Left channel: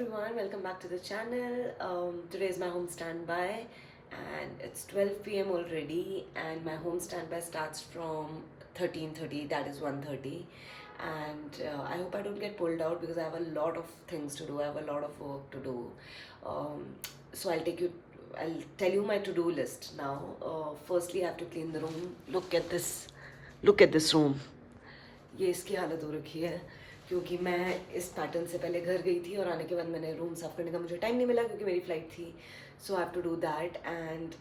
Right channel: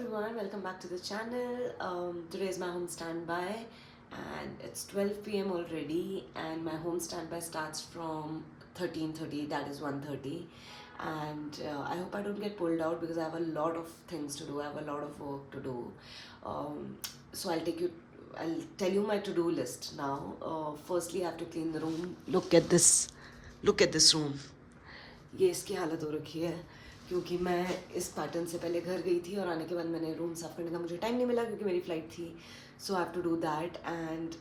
everyone, welcome back to the channel. Today is my home standby and it's 12 p.m. already, and my home standby starts from 13:30, that is 1:30. And I hope I don't get pulled out because I have a lot of things to do, I have a lot of work to do. So I'll tell you my to-do list now. Firstly, I have to clean the room. Look at this room. ये इसकी हालत हो रखी है क्योंकि मैं इस pattern से पहले घर गई थी और आने के बाद मैंने रूम साफ़ करने का मुझे टाइम नहीं मिला क्योंकि मेरी फ़्लाइट थी. So I have to do that. And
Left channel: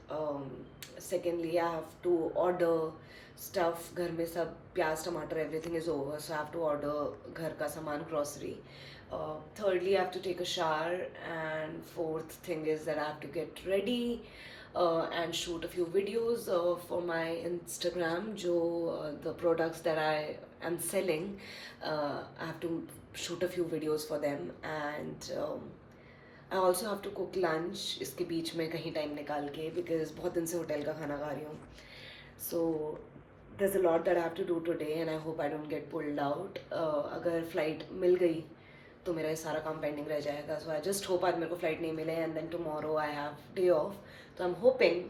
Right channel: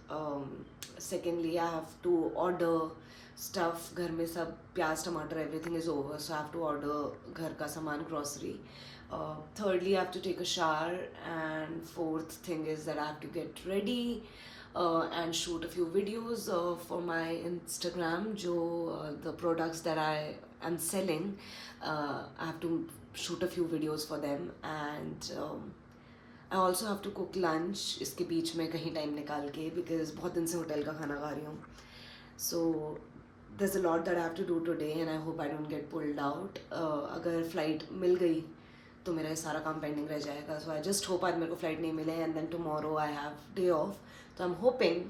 secondly I have to order stuff. घर में सब प्याज टमाटर everything is over, so I have to order घर का सामान, grocery. Thirdly, I have to take a shower, and fourth thing is that I have to get ready and shoot a few videos for my Instagram. The products that I am selling, I have to shoot a few videos for them, and I also have to cook lunch इसके बीच में कहीं time निकाल के, because बहुत दिन से hotel का खाना खा रही हूँ. So there's a lot that I have to do today, and I hope I don't get pulled out. अगर फ्लाइट मिल गई तो मेरा ये सारा काम पेंडिंग रह जाएगा. सो आई जस्ट होप आज मेरे को फ़्लाइट नहीं मिले, and then tomorrow I have day off. तो आई एम होपिंग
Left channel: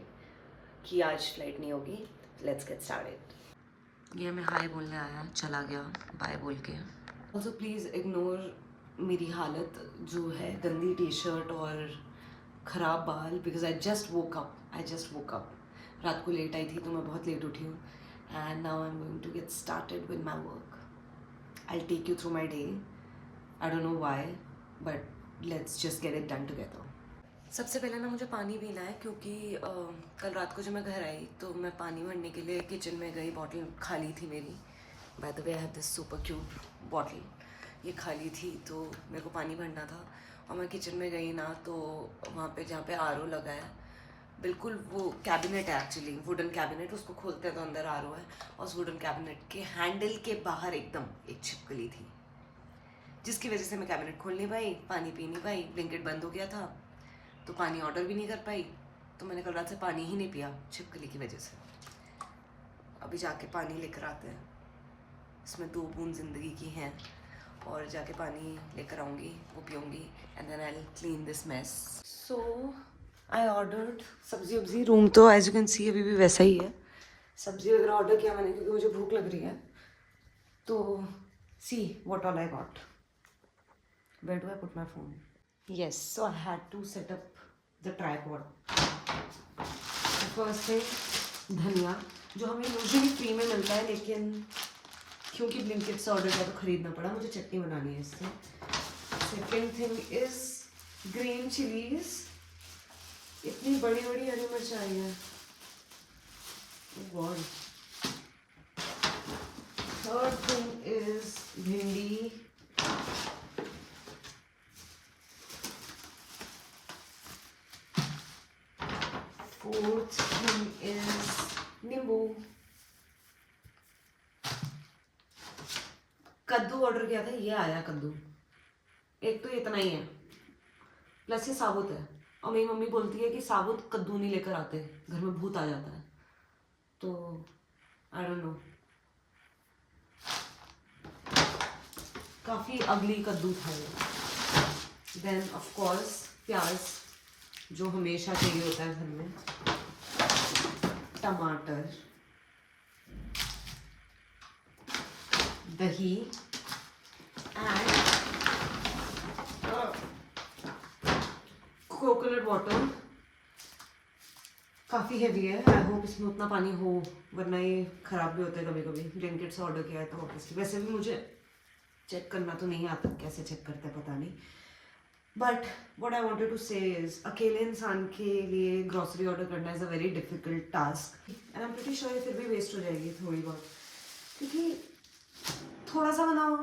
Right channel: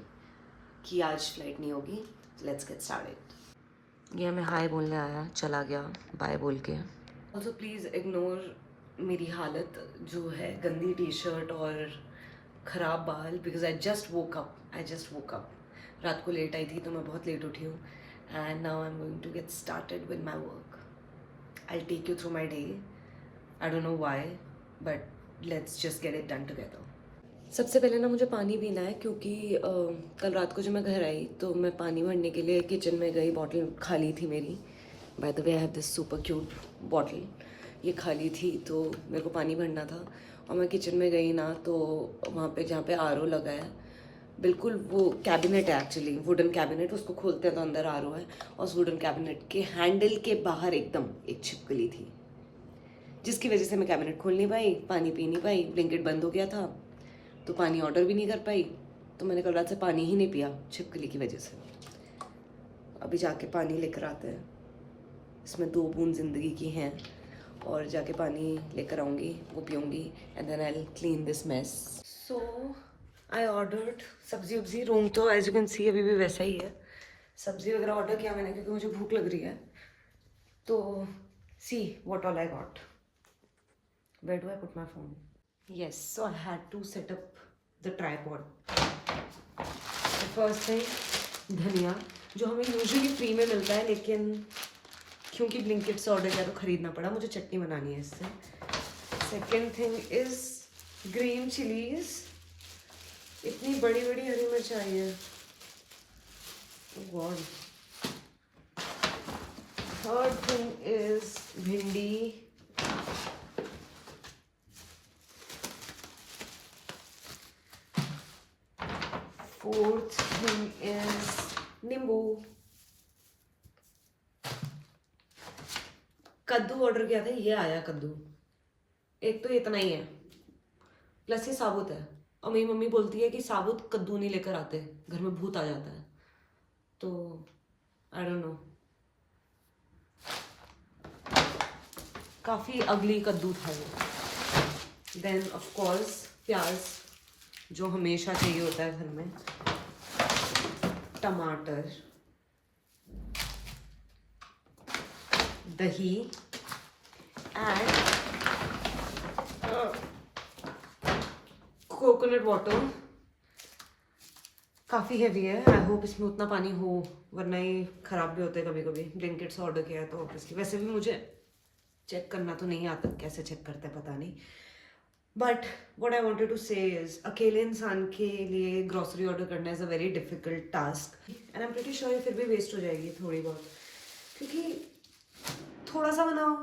कि आज फ्लाइट नहीं होगी. Let's get started. ये हमें हाय बोलने आया, चला गया बाय बोल के. ऑल्सो प्लीज़ इग्नोर मेरी हालत जो है, गंदी टी शर्ट और ख़राब बाल, because I just woke up. रात को लेट आई थी तो मैं बहुत लेट उठी हूँ. And now I am going to get started with my work. I take you through my day. I don't know why, but let's just get it done together. सबसे पहले ना मुझे पानी पीना है क्योंकि कल रात को जब मैं घर आई तो मैं पानी भरने के लिए किचन में गई. बॉटल खाली थी मेरी. By the way I have this super cute bottle. ये खाली थी तो मेरे को पानी भरना था, और मैं किचन में गई ना तो वहाँ पे जहाँ पे आर ओ लगा है, बिल्कुल वो कैबिनेट है एक्चुअली, वुडन कैबिनेट. उसको खोलते हैं तो अंदर आर ओ है, और उस वुडन कैबिनेट के हैंडल के बाहर एकदम एक छिपकली थी, जिसकी वजह से मैं कैबिनेट खोल नहीं पाई, पानी पी नहीं पाई. ब्लिंकिट बंद हो गया था तो पानी ऑर्डर भी नहीं कर पाई. तो मैंने कल रात से पानी ही नहीं पिया छिपकली की वजह से. अभी जाके पानी लेकर आते हैं. इसमें 2 बूंद ज़िंदगी की हैं, और जाके पानी लेकर आऊँगी, वो पीऊँगी, and then I will clean this mess. So I ordered सब्जी वब्जी. रूम तो एज यू कैन सी अभी भी वैसा ही है. सब्जी वगैरह ऑर्डर किया मैंने क्योंकि मुझे भूख लग रही है. तो see what all I got. Where do I put my phone? Yes, so I had to set up the tripod. The first thing, धनिया, जो हमें यूजुअली फ्री में मिलता है, लेकिन क्योंकि ब्लिंकिट से ऑर्डर किया तो ख़रीदना पड़ा. मुझे चटनी बनानी है इससे. Second thing is green chillies. इतनी बड़ी बड़ी हरी मिर्च आई है. गॉड. थर्ड थिंग इज़ भिंडी. Fourth thing is नींबू. कद्दू ऑर्डर किया था, ये आया कद्दू. एक तो इतना ही है, प्लस ये साबुत है. और मेरी मम्मी बोलती है कि साबुत कद्दू नहीं लेकर आते, घर में भूत आ जाता है. तो आई डोंट नो, काफ़ी अगली कद्दू था ये. देन ऑफ कोर्स प्याज, जो हमेशा चाहिए होता है घर में. टमाटर, दही, एंड कोकोनट वाटर. काफ़ी हैवी है. आई होप इसमें उतना पानी हो, वरना ये ख़राब भी होते हैं कभी कभी. ब्लिंकिट से ऑर्डर किया है तो ऑब्वियसली. वैसे भी मुझे चेक करना तो नहीं आता, कैसे चेक करते हैं पता नहीं. But what I wanted to say is, अकेले इंसान के लिए ग्रॉसरी ऑर्डर करना is a very difficult task. And I am pretty sure फिर भी वेस्ट हो जाएगी थोड़ी बहुत, क्योंकि थोड़ा सा बनाओ,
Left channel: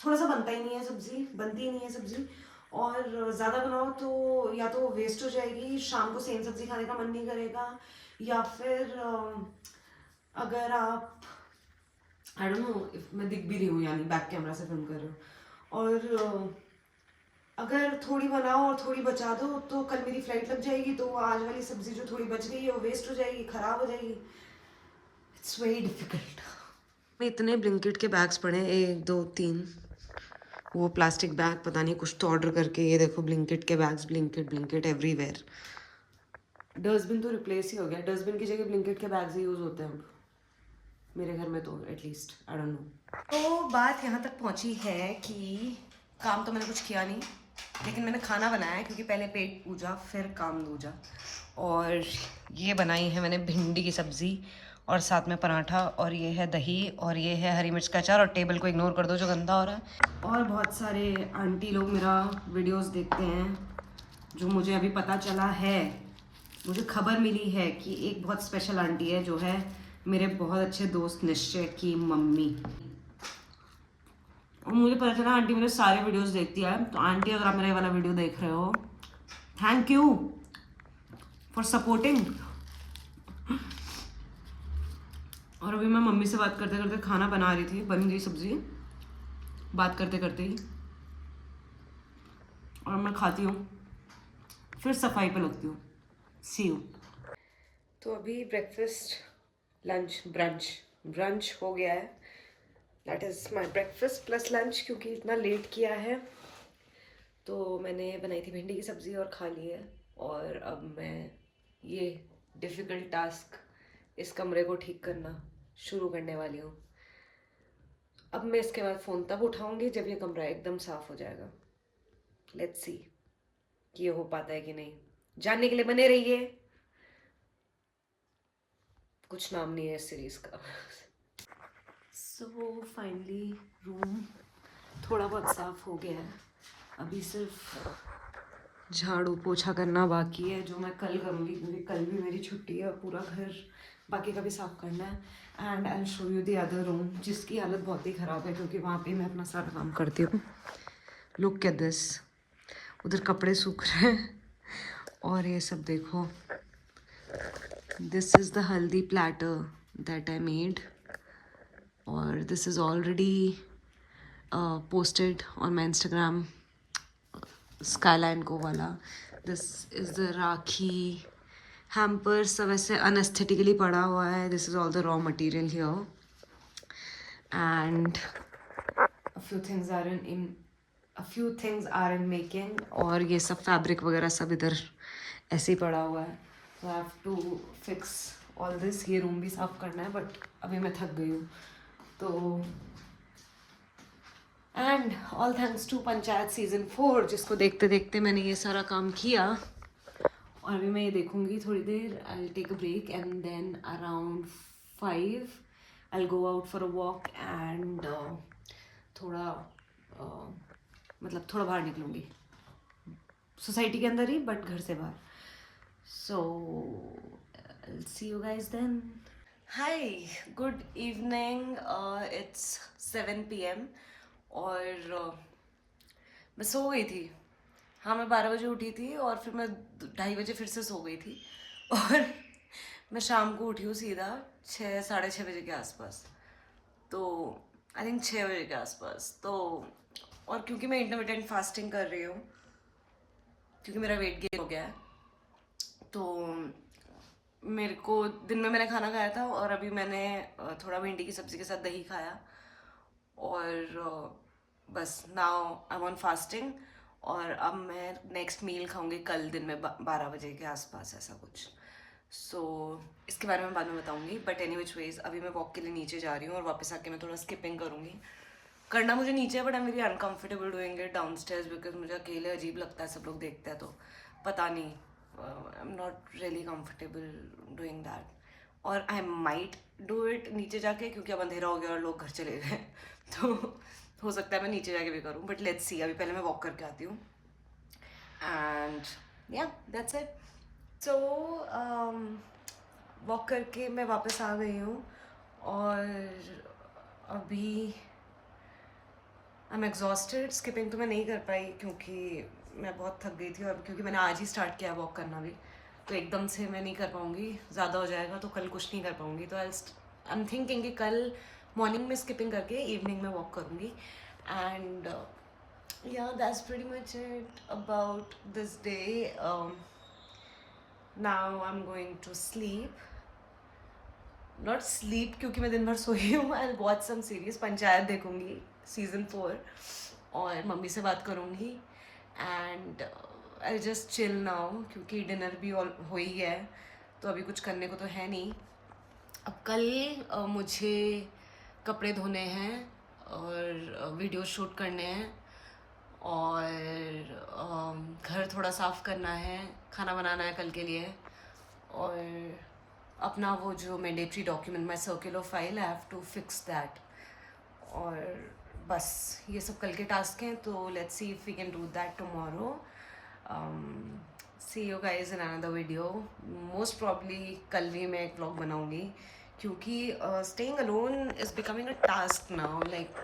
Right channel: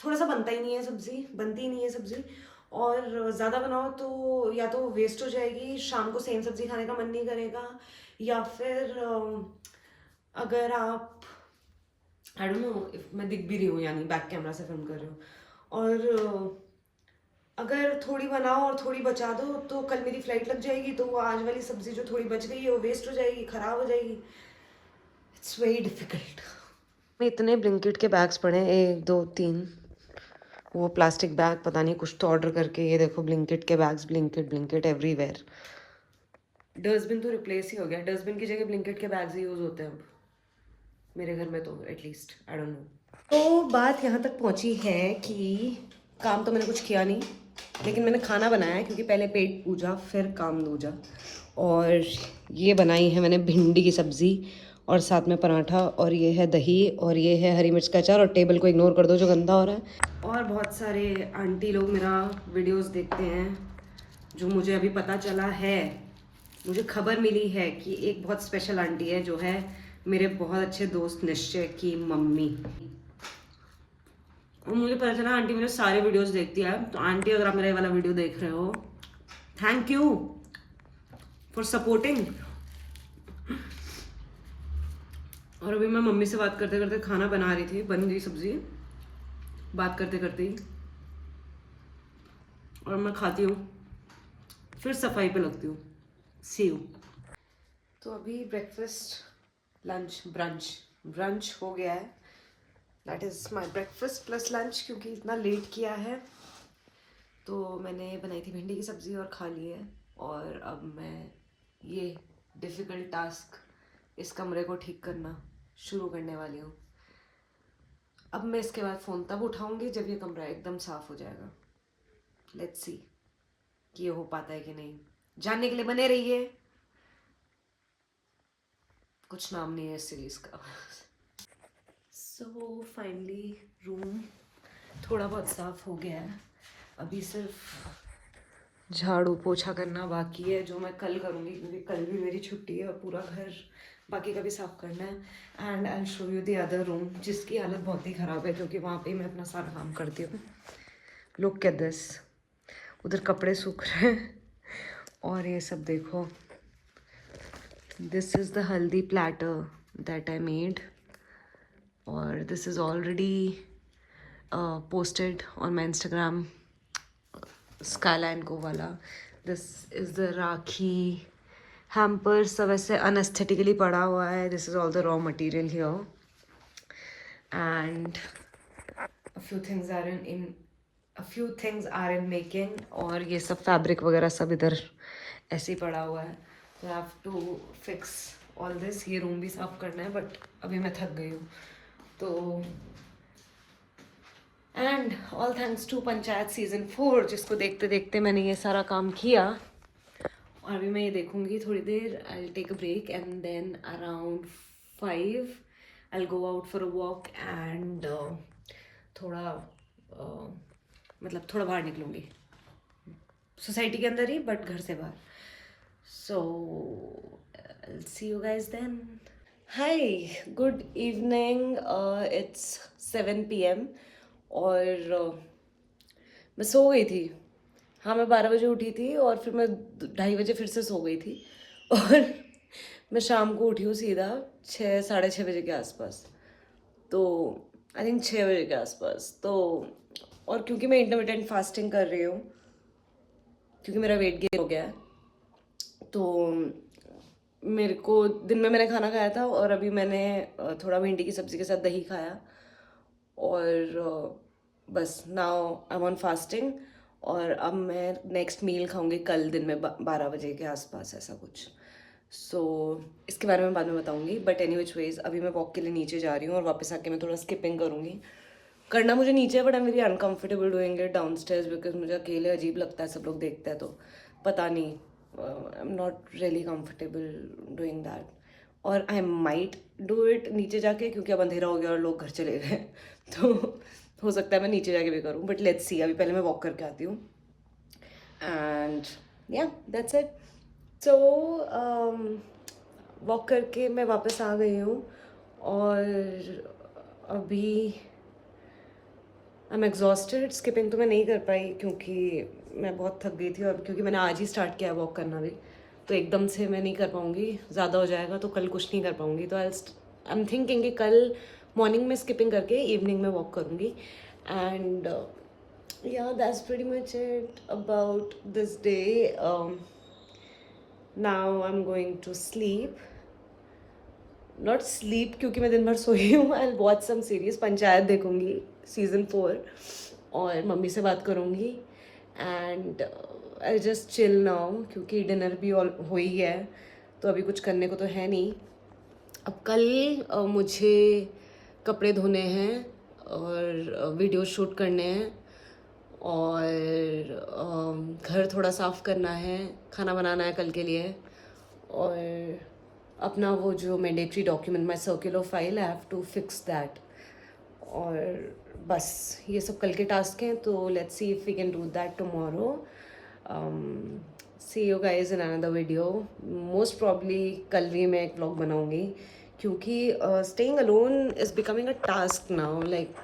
थोड़ा सा बनता ही नहीं है सब्ज़ी, बनती ही नहीं है सब्ज़ी. और ज़्यादा बनाओ तो या तो वेस्ट हो जाएगी, शाम को सेम सब्ज़ी खाने का मन नहीं करेगा, या फिर अगर आप, आई डोंट नो इफ मैं दिख भी रही हूँ, यानी बैक कैमरा से फिल्म कर रही हूँ, और अगर थोड़ी बनाओ और थोड़ी बचा दो तो कल मेरी फ्लाइट लग जाएगी, तो वो आज वाली सब्ज़ी जो थोड़ी बच गई है वो वेस्ट हो जाएगी, ख़राब हो जाएगी. It's very difficult. मैं इतने ब्लिंकिट के बैग्स पड़े हैं, 1 2 3, वो प्लास्टिक बैग पता नहीं कुछ तो ऑर्डर करके, ये देखो ब्लिंकिट के बैग्स, ब्लिंकिट एवरीवेयर। डस्टबिन तो रिप्लेस ही हो गया, डस्टबिन की जगह ब्लिंकिट के बैग्स ही यूज़ होते हैं अब मेरे घर में तो, एटलीस्ट आई डोंट नो। तो बात यहाँ तक पहुँची है कि काम तो मैंने कुछ किया नहीं, लेकिन मैंने खाना बनाया क्योंकि पहले पेट पूजा फिर काम दूजा। और ये बनाई है मैंने भिंडी की सब्ज़ी और साथ में पराठा, और ये है दही, और ये है हरी मिर्च का अचार। और टेबल को इग्नोर कर दो जो गंदा हो रहा है। और बहुत सारे आंटी लोग मेरा वीडियोस देखते हैं, जो मुझे अभी पता चला है, मुझे खबर मिली है कि एक बहुत स्पेशल आंटी है जो है मेरे बहुत अच्छे दोस्त निश्चय की मम्मी। और मुझे पता चला आंटी मेरे सारे वीडियोस देखती है। तो आंटी, अगर आप मेरा ये वाला वीडियो देख रहे हो, थैंक यू फॉर सपोर्टिंग। और अभी मैं मम्मी से बात करते करते खाना बना रही थी, बन गई सब्जी बात करते करते ही, और मैं खाती हूँ फिर सफाई पे लगती हूँ। सी यू। तो अभी ब्रेकफास्ट, लंच, ब्रंच हो गया है। That is my breakfast plus lunch, क्योंकि इतना लेट किया है। तो मैंने बनाई थी भिंडी की सब्ज़ी और खा ली है। और अब मैं ये डिफ़िकल्ट टास्क, इस कमरे को ठीक करना शुरू करने वाली हूँ। अब मैं इसके बाद फ़ोन तब उठाऊँगी जब ये कमरा एकदम साफ़ हो जाएगा। लेट्स सी कि ये हो पाता है कि नहीं। जानने के लिए बने रहिए। कुछ नाम नहीं है इस सीरीज़ का। सो फाइनली रूम थोड़ा बहुत साफ़ हो गया है। अभी सिर्फ झाड़ू पोछा करना बाकी है, जो मैं कल करूँगी क्योंकि कल भी मेरी छुट्टी है और पूरा घर बाकी का भी साफ़ करना है। And I show you the other room, जिसकी हालत बहुत ही ख़राब है क्योंकि वहाँ पे मैं अपना सारा काम करती हूँ। लुक एट दिस, उधर कपड़े सूख रहे हैं और ये सब देखो। दिस इज़ द हल्दी प्लेटर दैट आई मेड, और this is already posted on my Instagram, Skyline को वाला। This is the rakhi hamper, सब ऐसे अनएस्थेटिकली पड़ा हुआ है। This is all the raw material here, and a few things are in making। और ये सब फैब्रिक वगैरह सब इधर ऐसे ही पड़ा हुआ है। So I have to fix all this। ये रूम भी साफ करना है, बट अभी मैं थक गई हूँ तो। And all thanks to Panchayat season 4, जिसको देखते देखते मैंने ये सारा काम किया। और अभी मैं ये देखूंगी थोड़ी देर। I take a break and then around 5 I go out for a walk and थोड़ा मतलब थोड़ा बाहर निकलूंगी, सोसाइटी के अंदर ही बट घर से बाहर। So see you guys then. Hi, good evening. It's 7 PM और मैं सो गई थी। हाँ, मैं 12 बजे उठी थी और फिर मैं 2:30 बजे फिर से सो गई थी। और मैं शाम को उठी हूँ सीधा 6, 6:30 बजे के आसपास, तो आई थिंक 6 बजे के आसपास। तो और क्योंकि मैं इंटरमिटेंट फास्टिंग कर रही हूँ, क्योंकि मेरा वेट गेन हो गया है, तो मेरे को दिन में मैंने खाना खाया था और अभी मैंने थोड़ा भिंडी की सब्ज़ी के साथ दही खाया, और बस now I M on fasting. और अब मैं नेक्स्ट मील खाऊंगी कल दिन में 12 बजे के आसपास, ऐसा कुछ। सो इसके बारे में बाद में बताऊंगी, बट एनी विच वेज अभी मैं वॉक के लिए नीचे जा रही हूँ और वापस आके मैं थोड़ा स्किपिंग करूँगी। करना मुझे नीचे है, but I am very uncomfortable doing it down stairs, because मुझे अकेले अजीब लगता है, सब लोग देखते हैं तो पता नहीं, I am not really comfortable doing that. और आई माइट डू इट नीचे जाके, क्योंकि अब अंधेरा हो गया और लोग घर चले गए तो हो सकता है मैं नीचे जाके भी करूँ, बट लेट्स सी। अभी पहले मैं वॉक करके आती हूँ एंड या दैट्स इट। सो वॉक करके मैं वापस आ गई हूँ और अभी आई एम एग्जॉस्टेड। स्किपिंग तो मैं नहीं कर पाई क्योंकि मैं बहुत थक गई थी, और क्योंकि मैंने आज ही स्टार्ट किया वॉक करना भी, तो एकदम से मैं नहीं कर पाऊँगी, ज़्यादा हो जाएगा तो कल कुछ नहीं कर पाऊँगी। तो आई एम थिंकिंग कि कल मॉर्निंग में स्किपिंग करके इवनिंग में वॉक करूँगी। And yeah, that's pretty much it about this day. Now I'm going to sleep. Not sleep क्योंकि मैं दिन भर सोई हूँ। I'll watch some series, panchayat देखूँगी सीजन 4, और मम्मी से बात करूँगी and I just chill now, क्योंकि डिनर भी हो ही है तो अभी कुछ करने को तो है नहीं। अब कल मुझे कपड़े धोने हैं और वीडियो शूट करने हैं और घर थोड़ा साफ़ करना है, खाना बनाना है कल के लिए, और अपना वो जो mandatory document my circular file I have to fix that. और बस ये सब कल के टास्क हैं, तो let's see if we can do that tomorrow. See you guys in another video. Most probably कल भी मैं एक व्लॉग बनाऊंगी, क्योंकि staying alone is becoming a task now. Like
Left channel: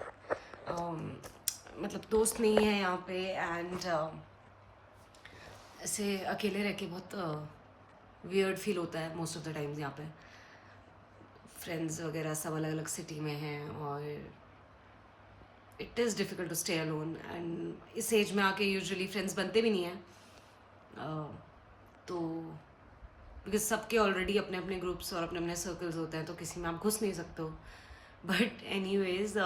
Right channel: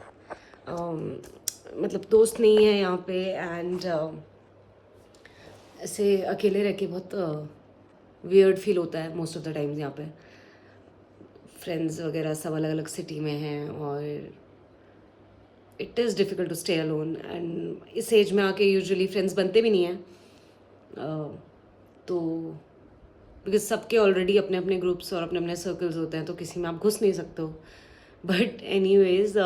मतलब दोस्त नहीं है यहाँ पे, एंड ऐसे अकेले रह के बहुत वियर्ड फील होता है मोस्ट ऑफ द टाइम्स। यहाँ पे फ्रेंड्स वगैरह सब अलग अलग सिटी में हैं और it is difficult to stay alone. And इस एज में आके यूजुअली फ्रेंड्स बनते भी नहीं हैं, तो बिकॉज सबके ऑलरेडी अपने अपने ग्रुप्स और अपने अपने सर्कल्स होते हैं, तो किसी में आप घुस नहीं सकते हो। बट एनीवेज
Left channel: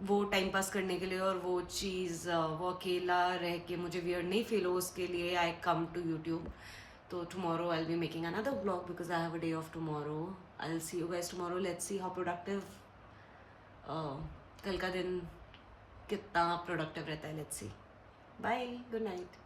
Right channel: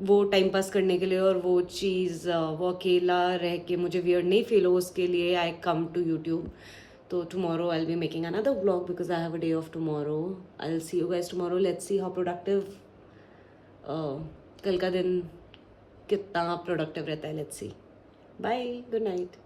वो टाइम पास करने के लिए और वो चीज़ वो अकेला रह के मुझे वियर्ड नहीं फील हो, उसके लिए आई कम टू यूट्यूब। तो tomorrow I'll be making another vlog because I have a day off tomorrow. I'll see you guys tomorrow. Let's see how productive कल का दिन कितना प्रोडक्टिव रहता है. Let's see. Bye. Good night.